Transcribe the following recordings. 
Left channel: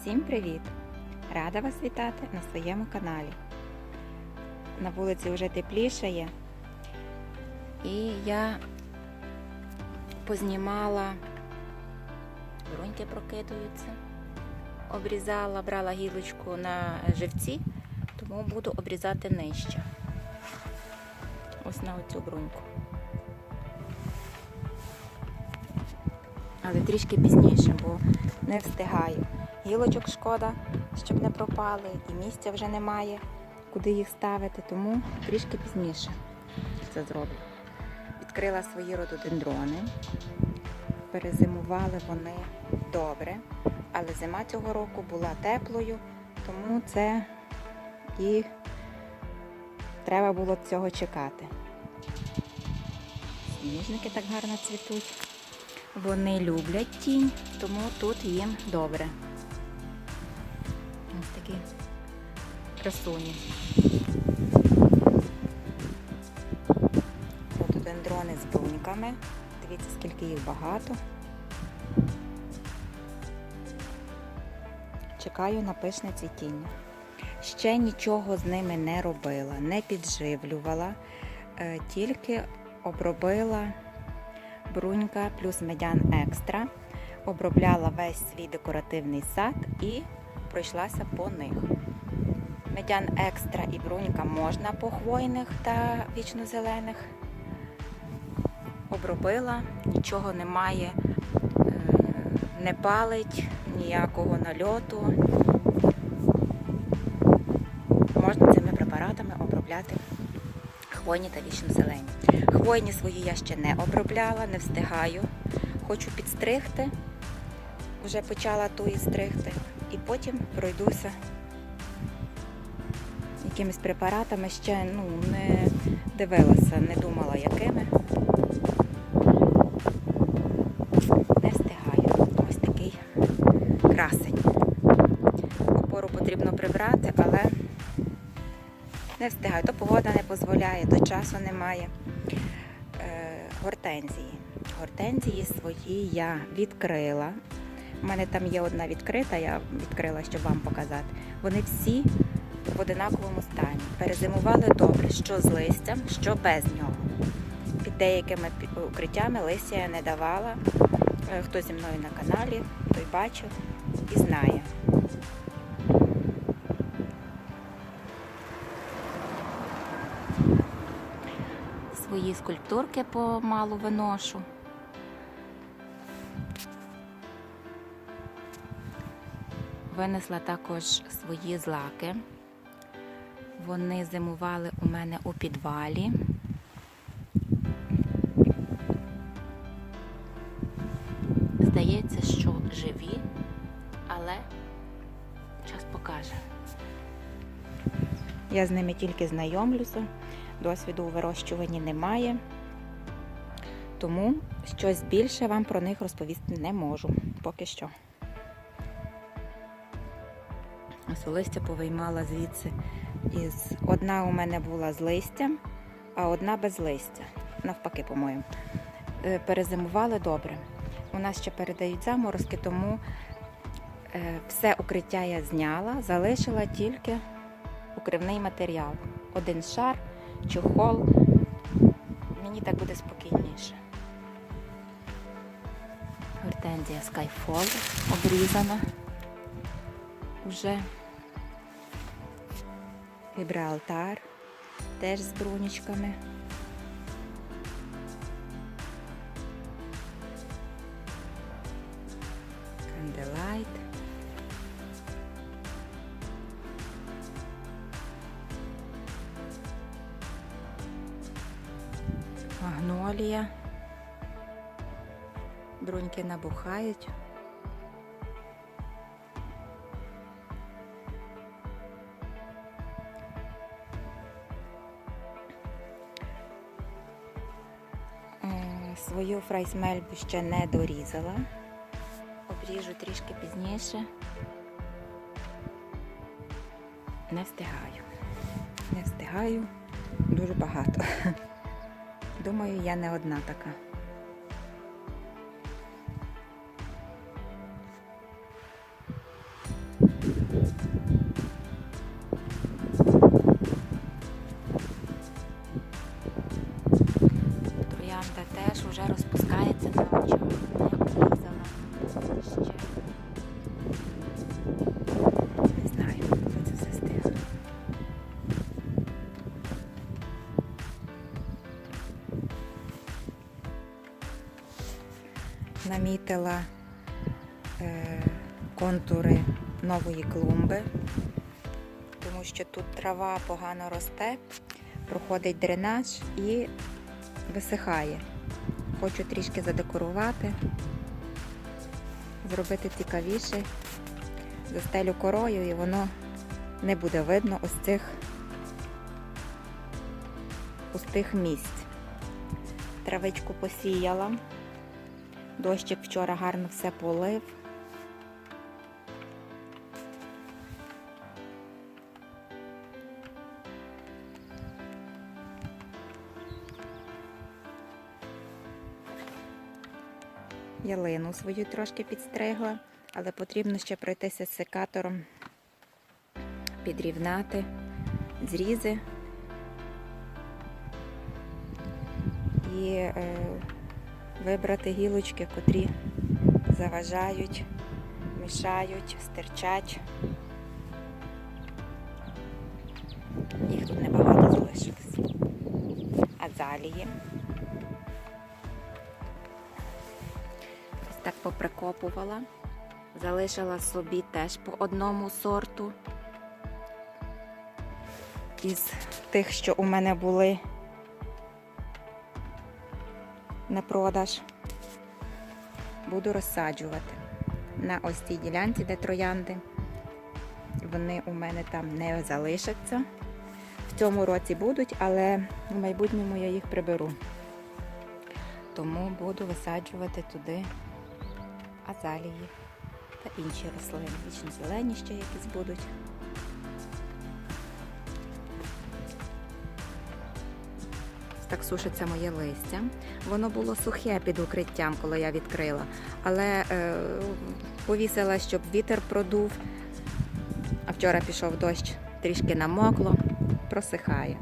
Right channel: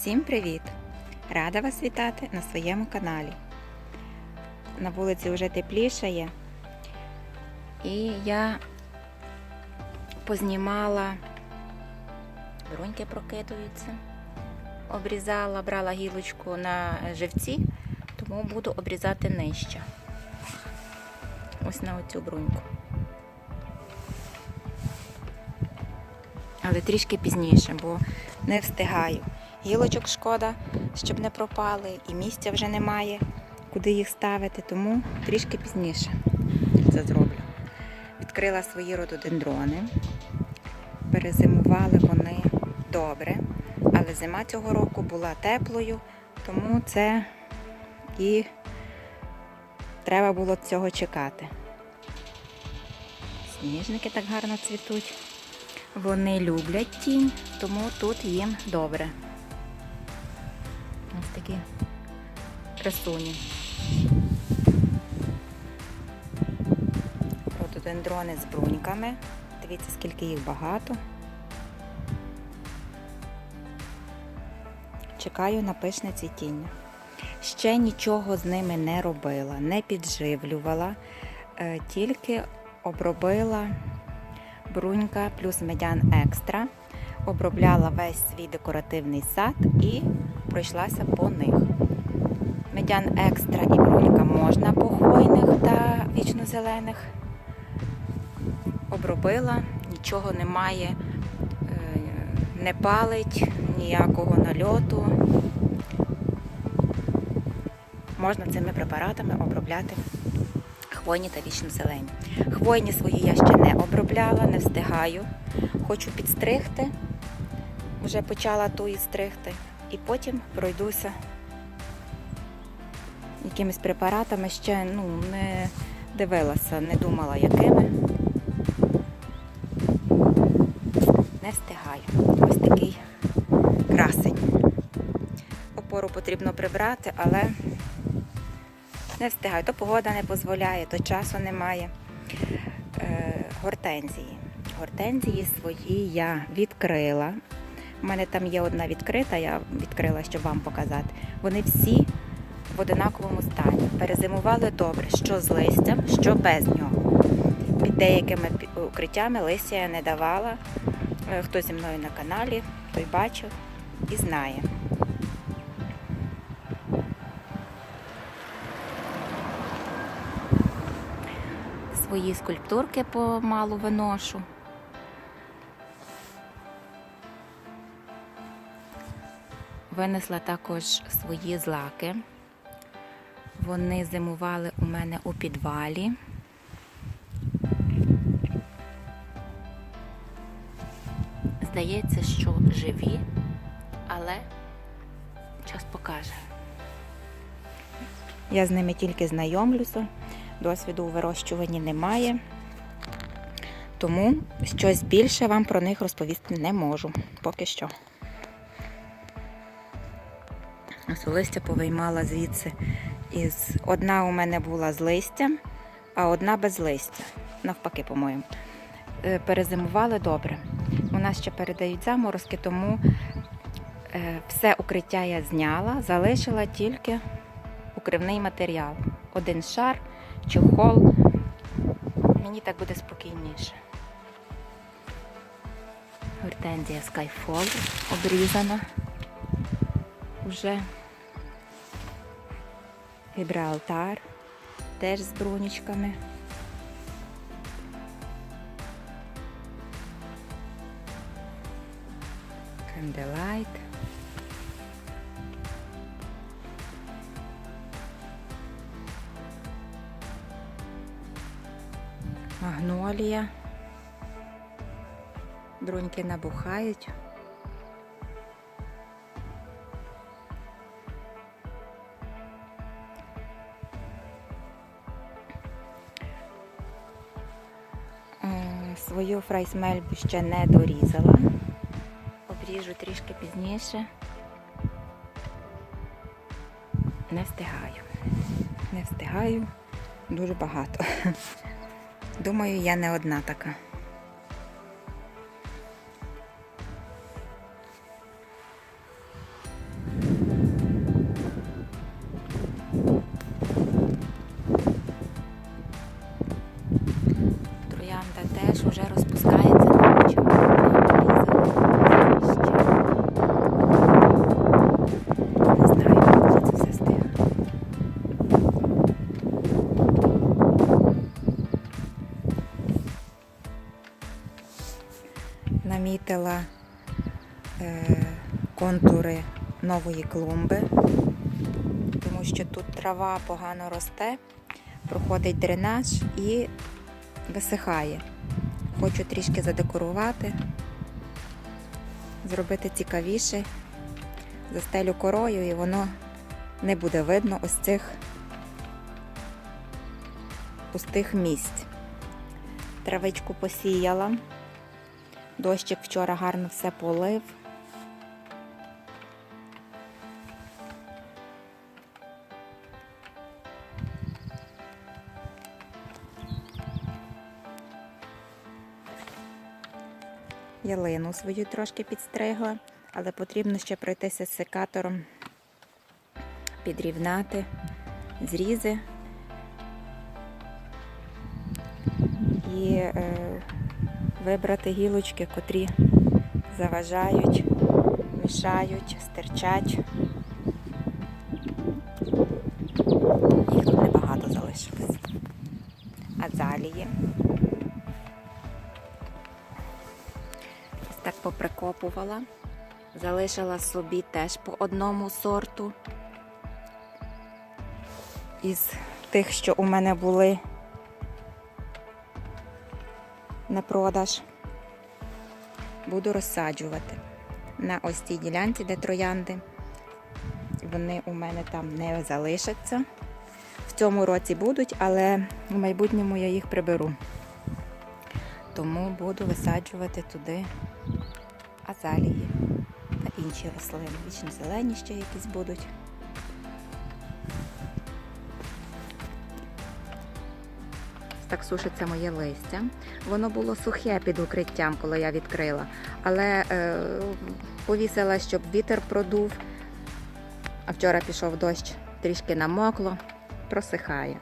Всім привіт! Рада вас вітати на своєму каналі. На вулиці вже теплішає, і я познімала, бруньки прокидуються, обрізала, брала гілочку на живці, тому буду обрізати нижче. Ось на оцю бруньку. Але трішки пізніше, бо не встигаю. Гілочок шкода, щоб не пропали, і місця вже немає, куди їх ставити, тому трішки пізніше це зроблю. Відкрила свої рододендрони. Перезимували вони добре, але зима цього року була теплою, тому це і треба було цього чекати. Сніжники так гарно цвітуть. Вони люблять тінь, тому тут їм добре. Такі красуні. Рододендрони з бруньками. Дивіться, скільки їх багато. Чекаю на пишне цвітіння. Ще нічого з ними не робила, не підживлювала, е, тільки обробила брунька плюс медян екстра. Обробляла весь свій декоративний сад і пройшлася по них. Медян екстра і брунька можна по хвойних та вічнозелених. Обробила, нічого немає, е, не палить, ніякого нальоту. Можна цими препаратами обробляти хвойні та вічнозелені. Хвойні свої я ще не обробляла, не встигаю. Хочу підстригти, вже почала тої стригти, і потім пройдуся якимись препаратами, ще ну, не дивилася, не думала якими. Не встигаю. Ось такий красень. Опору потрібно прибрати, але не встигаю. То погода не дозволяє, то часу немає. Е, гортензії. Гортензії свої я відкрила. У мене там є одна відкрита, я відкрила, щоб вам показати. Вони всі в одинаковому стані. Перезимували добре, що з листям, що без нього. Під деякими укриттями листя я не давала. Е, Хто зі мною на каналі, той бачив і знає. Свої скульптурки помалу виношу. Винесла також свої злаки. Вони зимували у мене у підвалі. Здається, що живі, але час покаже. Я з ними тільки знайомлюся, досвіду у вирощуванні немає, тому щось більше вам про них розповісти не можу поки що. Ось листя повиймала звідси. Із... Одна у мене була з листям, а одна без листя. Навпаки, по-моєму. Е, Перезимували добре. У нас ще передають заморозки, тому е, все укриття я зняла, залишила тільки укривний матеріал. Один шар, чохол. Мені так буде спокійніше. Гортензія Skyfall обрізана вже. Гібралтар теж з брунічками. Канделайт. Магнолія. Бруньки набухають. Фрайсмельбу ще не дорізала. Обріжу трішки пізніше. Не встигаю. Не встигаю дуже багато. Думаю, я не одна така. Намітила е, контури нової клумби, тому що тут трава погано росте, проходить дренаж і висихає. Хочу трішки задекорувати, зробити цікавіше, застелю корою і воно не буде видно ось цих пустих місць. Травичку посіяла. Дощик вчора гарно все полив. Ялину свою трошки підстригла, але потрібно ще пройтися з секатором, підрівнати зрізи і е, вибрати гілочки, котрі заважають, мішають, стирчать. Їх тут небагато залишилось. Азалії. Ось так поприкопувала. Залишила собі теж по одному сорту. Із тих, що у мене були на продаж. Буду розсаджувати на ось цій ділянці, де троянди. Вони у мене там не залишаться. В цьому році будуть, але в майбутньому я їх приберу. Тому буду висаджувати туди азалії та інші рослини. Вічно зелені ще якісь будуть. Так сушиться моє листя. Воно було сухе під укриттям, коли я відкрила, але е, повісила, щоб вітер продув. А вчора пішов дощ, трішки намокло, просихає.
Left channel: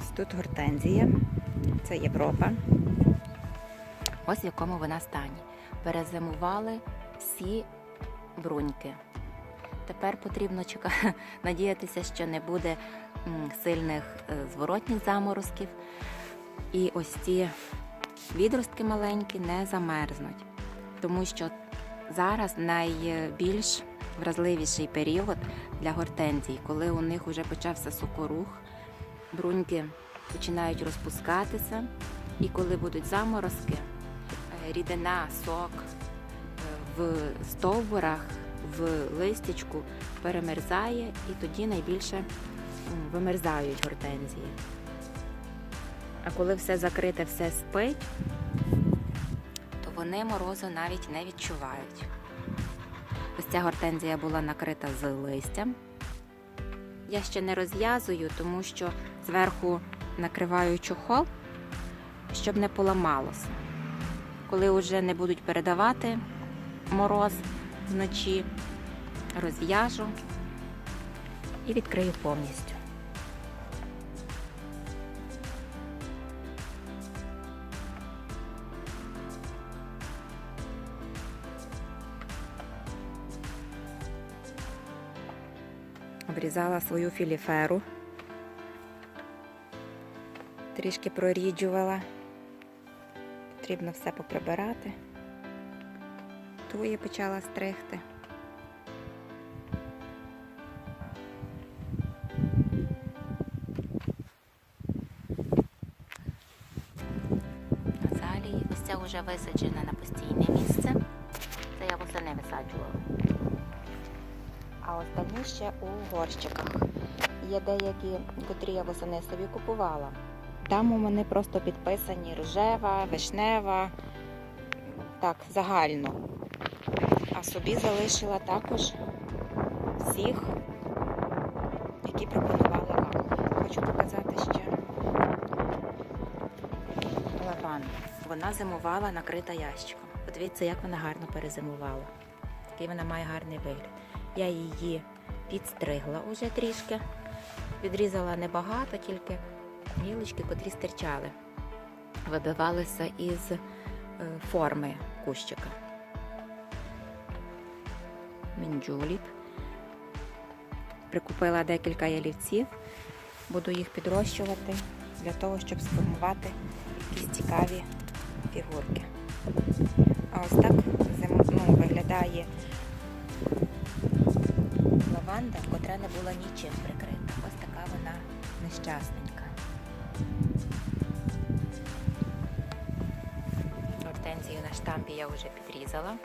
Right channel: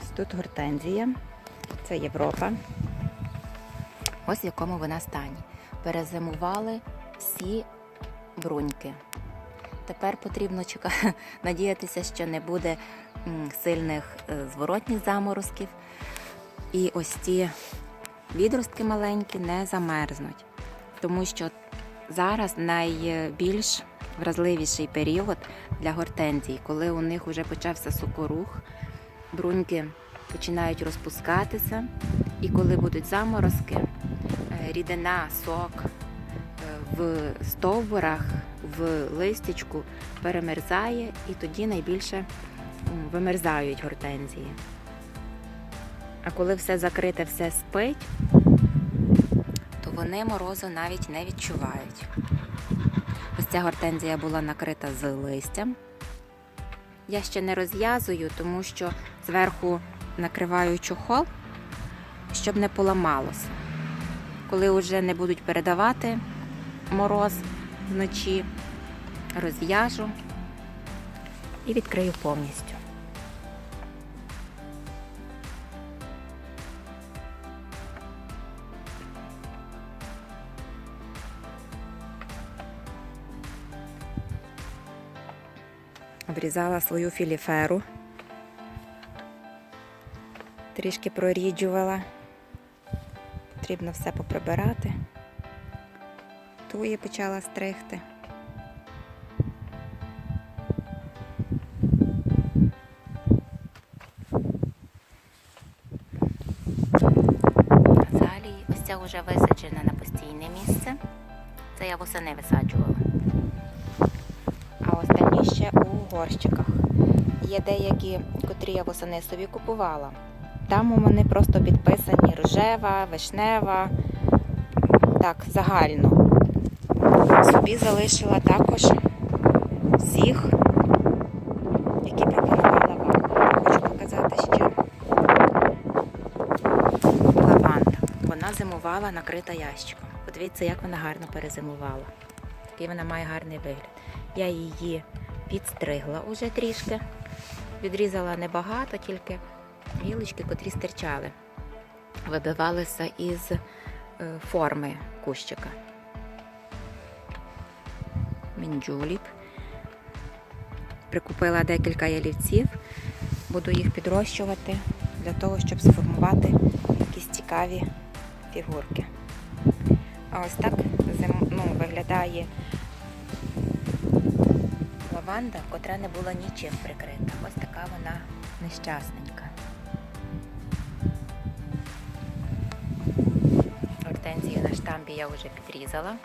Ось тут гортензія, це Європа. Ось в якому вона стані. Перезимували всі бруньки. Тепер потрібно чекати, надіятися, що не буде сильних е, зворотніх заморозків. І ось ці відростки маленькі не замерзнуть, тому що зараз найбільш вразливіший період для гортензій, коли у них вже почався сокорух, бруньки починають розпускатися, і коли будуть заморозки, е, рідина, сок е, в стовбурах, в листячку перемерзає, і тоді найбільше вимерзають гортензії. А коли все закрите, все спить, то вони морозу навіть не відчувають. Ось ця гортензія була накрита з листям. Я ще не розв'язую, тому що зверху накриваю чохол, щоб не поламалося. Коли вже не будуть передавати мороз вночі, розв'яжу і відкрию повністю. Обрізала свою філіферу, трішки проріджувала. Потрібно все поприбирати. Туї почала стригти. Азалії, ось ця вже висаджена на постійне місце. Це я восени висаджувала. А ще у горщиках. Є деякі, котрі я восени собі купувала. Там у мене просто підписані рожева, вишнева, так, загально. Собі залишила також всіх, які пропонувала вам. Хочу показати ще лаванда. Вона зимувала накрита ящиком. Подивіться, як вона гарно перезимувала. Який вона має гарний вигляд. Я її підстригла уже трішки. Відрізала небагато, тільки гілочки, котрі стирчали, вибивалися із е, форми кущика. Мінджуліп. Прикупила декілька ялівців, буду їх підрощувати для того, щоб сформувати якісь цікаві фігурки. А ось так ну, виглядає лаванда, котра не була нічим прикрита. Ось така вона нещасненька. Гортензію на штампі я вже підрізала.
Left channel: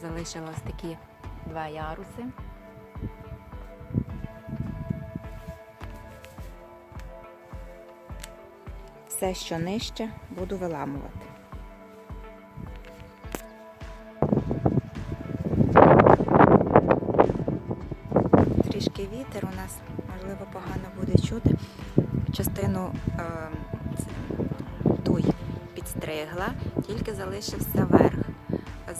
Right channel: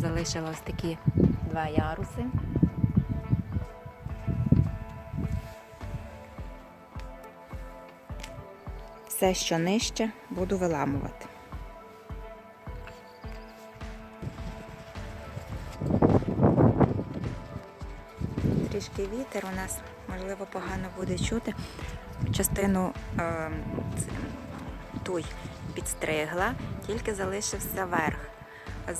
Залишила ось такі два яруси. Все, що нижче, буду виламувати. Вітер у нас, можливо, погано буде чути. Частину е, туй підстригла, тільки залишився верх.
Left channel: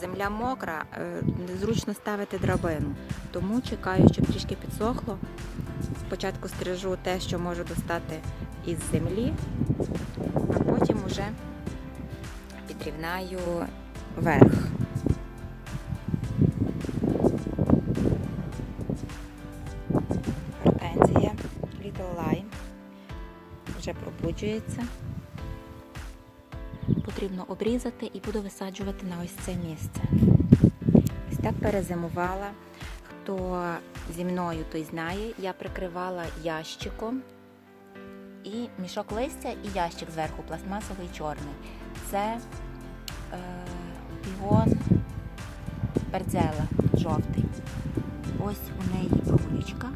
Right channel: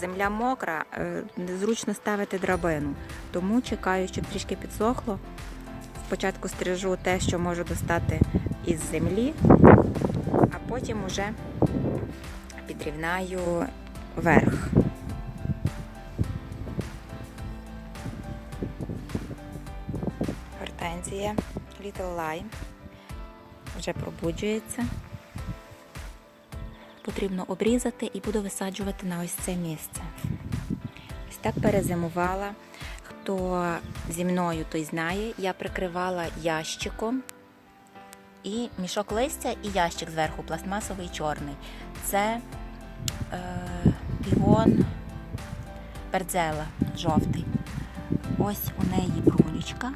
Земля мокра, е, незручно ставити драбину, тому чекаю, щоб трішки підсохло. Спочатку стрижу те, що можу достати із землі, а потім уже підрівнаю верх. Lime вже пробуджується. Потрібно обрізати і буду висаджувати на ось це місце. Ось так перезимувала. Хто зі мною, той знає, я прикривала ящиком і мішок листя, і ящик зверху, пластмасовий чорний. Це е, півон бердзела жовтий. Ось у неї брунючка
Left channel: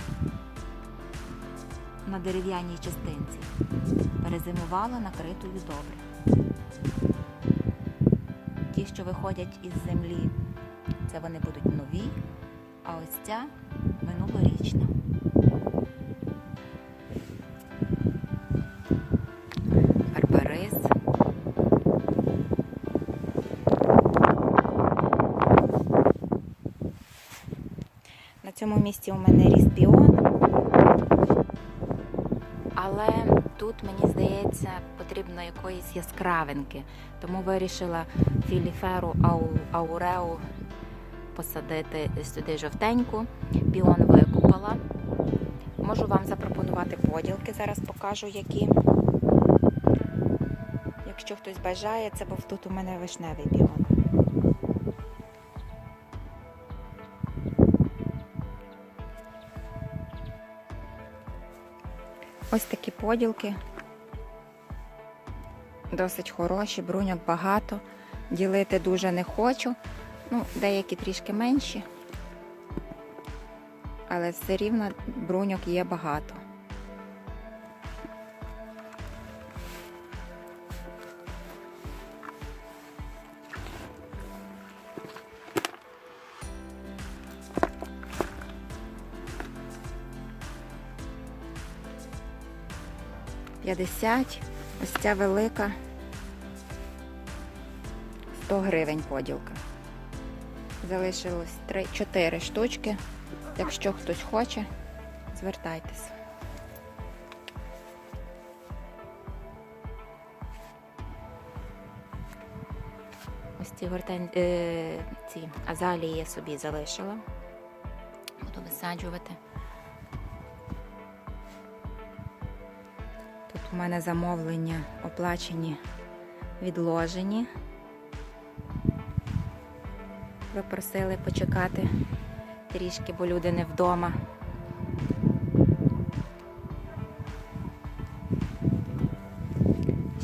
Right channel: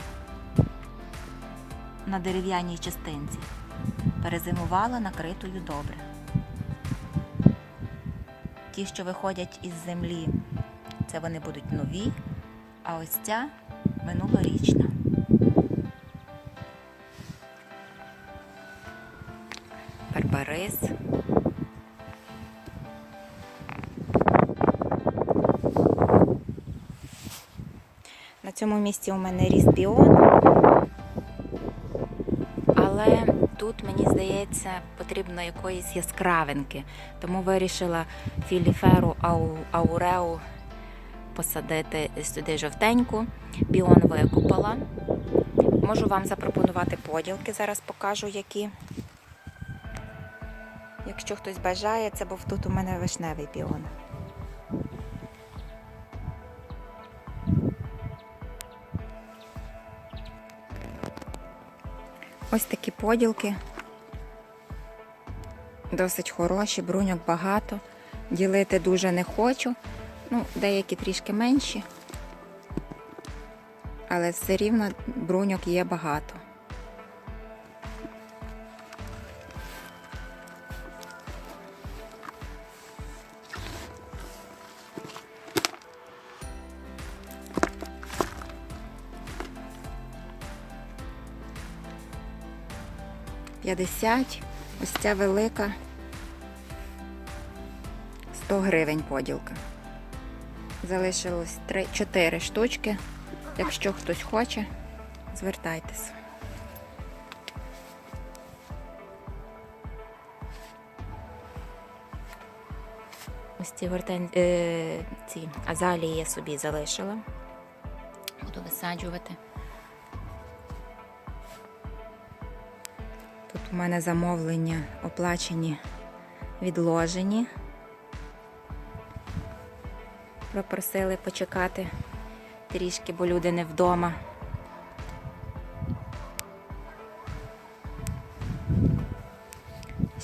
на дерев'яній частинці. Перезимувала накритою добре. Ті, що виходять із землі, це вони будуть нові, а ось ця минулорічна. Барбарис. На цьому місці у мене ріс піон. Але тут, мені здається, потрібно якоїсь яскравинки. Тому вирішила філіферу ау- ауреу посадити сюди жовтеньку. Піон викупала. Можу вам запропонувати поділки, зараз покажу які. Якщо хтось бажає, це був тут у мене вишневий піон. Ось такі поділки. Досить хороші, бруньок багато. Ділити дуже не хочу. Ну, деякі трішки менші. Але все рівно бруньок є багато. П'ятдесят. Ось ця велика 100 гривень поділка. Залишилось 3, 4 штучки. Якщо хтось хоче, звертайтесь. Ось ці гортен... е, ці азалії я собі залишила. Буду висаджувати. У мене замовлення оплачені, відложені. Попросили почекати трішки, бо люди не вдома.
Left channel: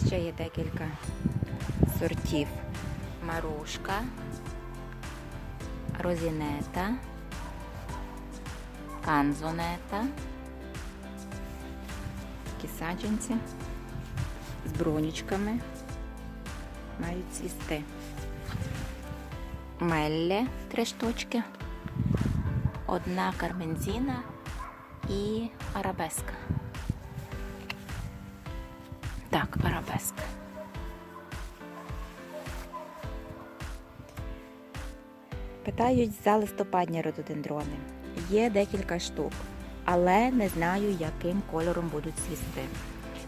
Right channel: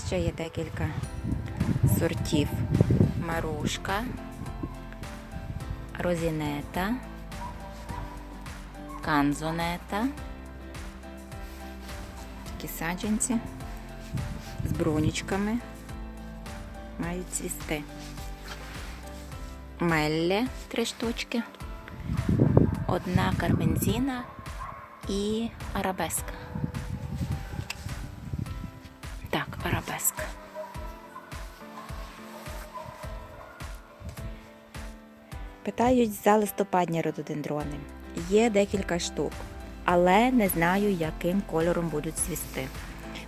Ще є декілька сортів. Марушка, розінета, канзонета, саджанці з бронічками мають цвісти. Мелле три штучки, одна карбензіна і арабеска. Так, арабеска. Питають за листопадні рододендрони. Є декілька штук, але не знаю, яким кольором будуть цвісти.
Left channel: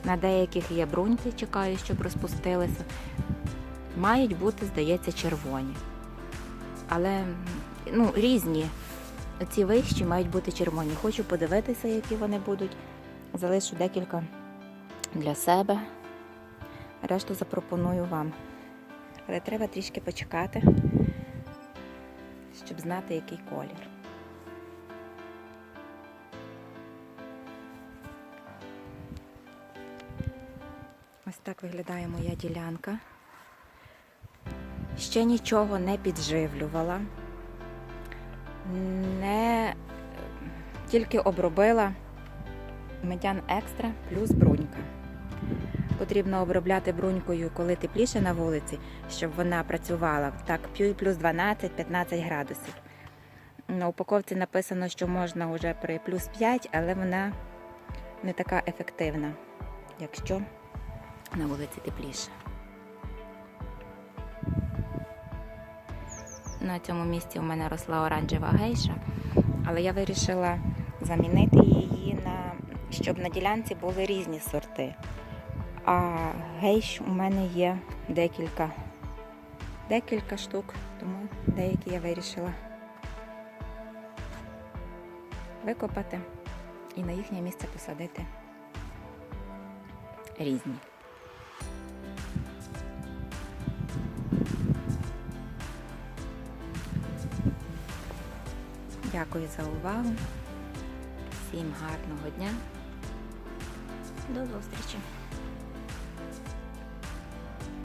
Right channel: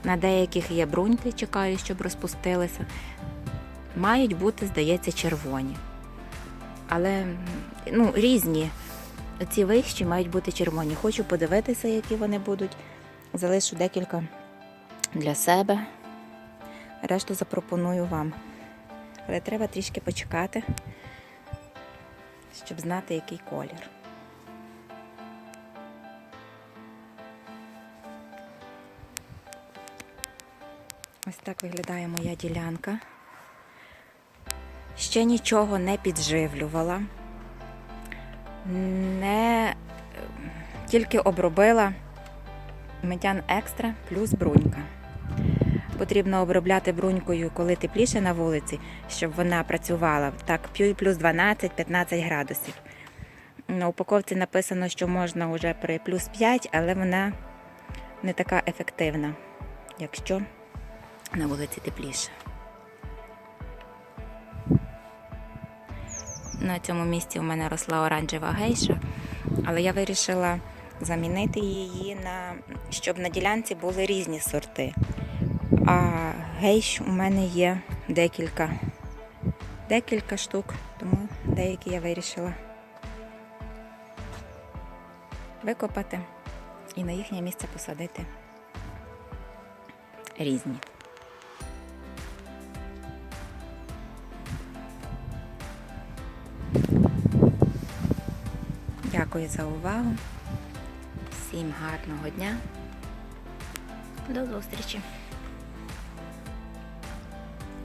На деяких є бруньки, чекаю, щоб розпустилися. Мають бути, здається, червоні. Але ну, різні. Ці вищі мають бути червоні. Хочу подивитися, які вони будуть. Залишу декілька для себе. Решту запропоную вам. Але треба трішки почекати, щоб знати, який колір. Ось так виглядає моя ділянка. Ще нічого не підживлювала, не тільки обробила медян екстра плюс брунька. Потрібно обробляти брунькою, коли тепліше на вулиці, щоб вона працювала так плюс 12-15 градусів. На упаковці написано, що можна вже при плюс 5, але вона не така ефективна, якщо на вулиці тепліше. На цьому місці у мене росла оранжева гейша, але я вирішила замінити її на щоб на ділянці були різні сорти. А гейш у мене є декілька, декілька штук, тому деякі я вирішила викопати і на їхнє місце посадити різні. Дякую за увагу. Всім гарного дня. До зустрічі!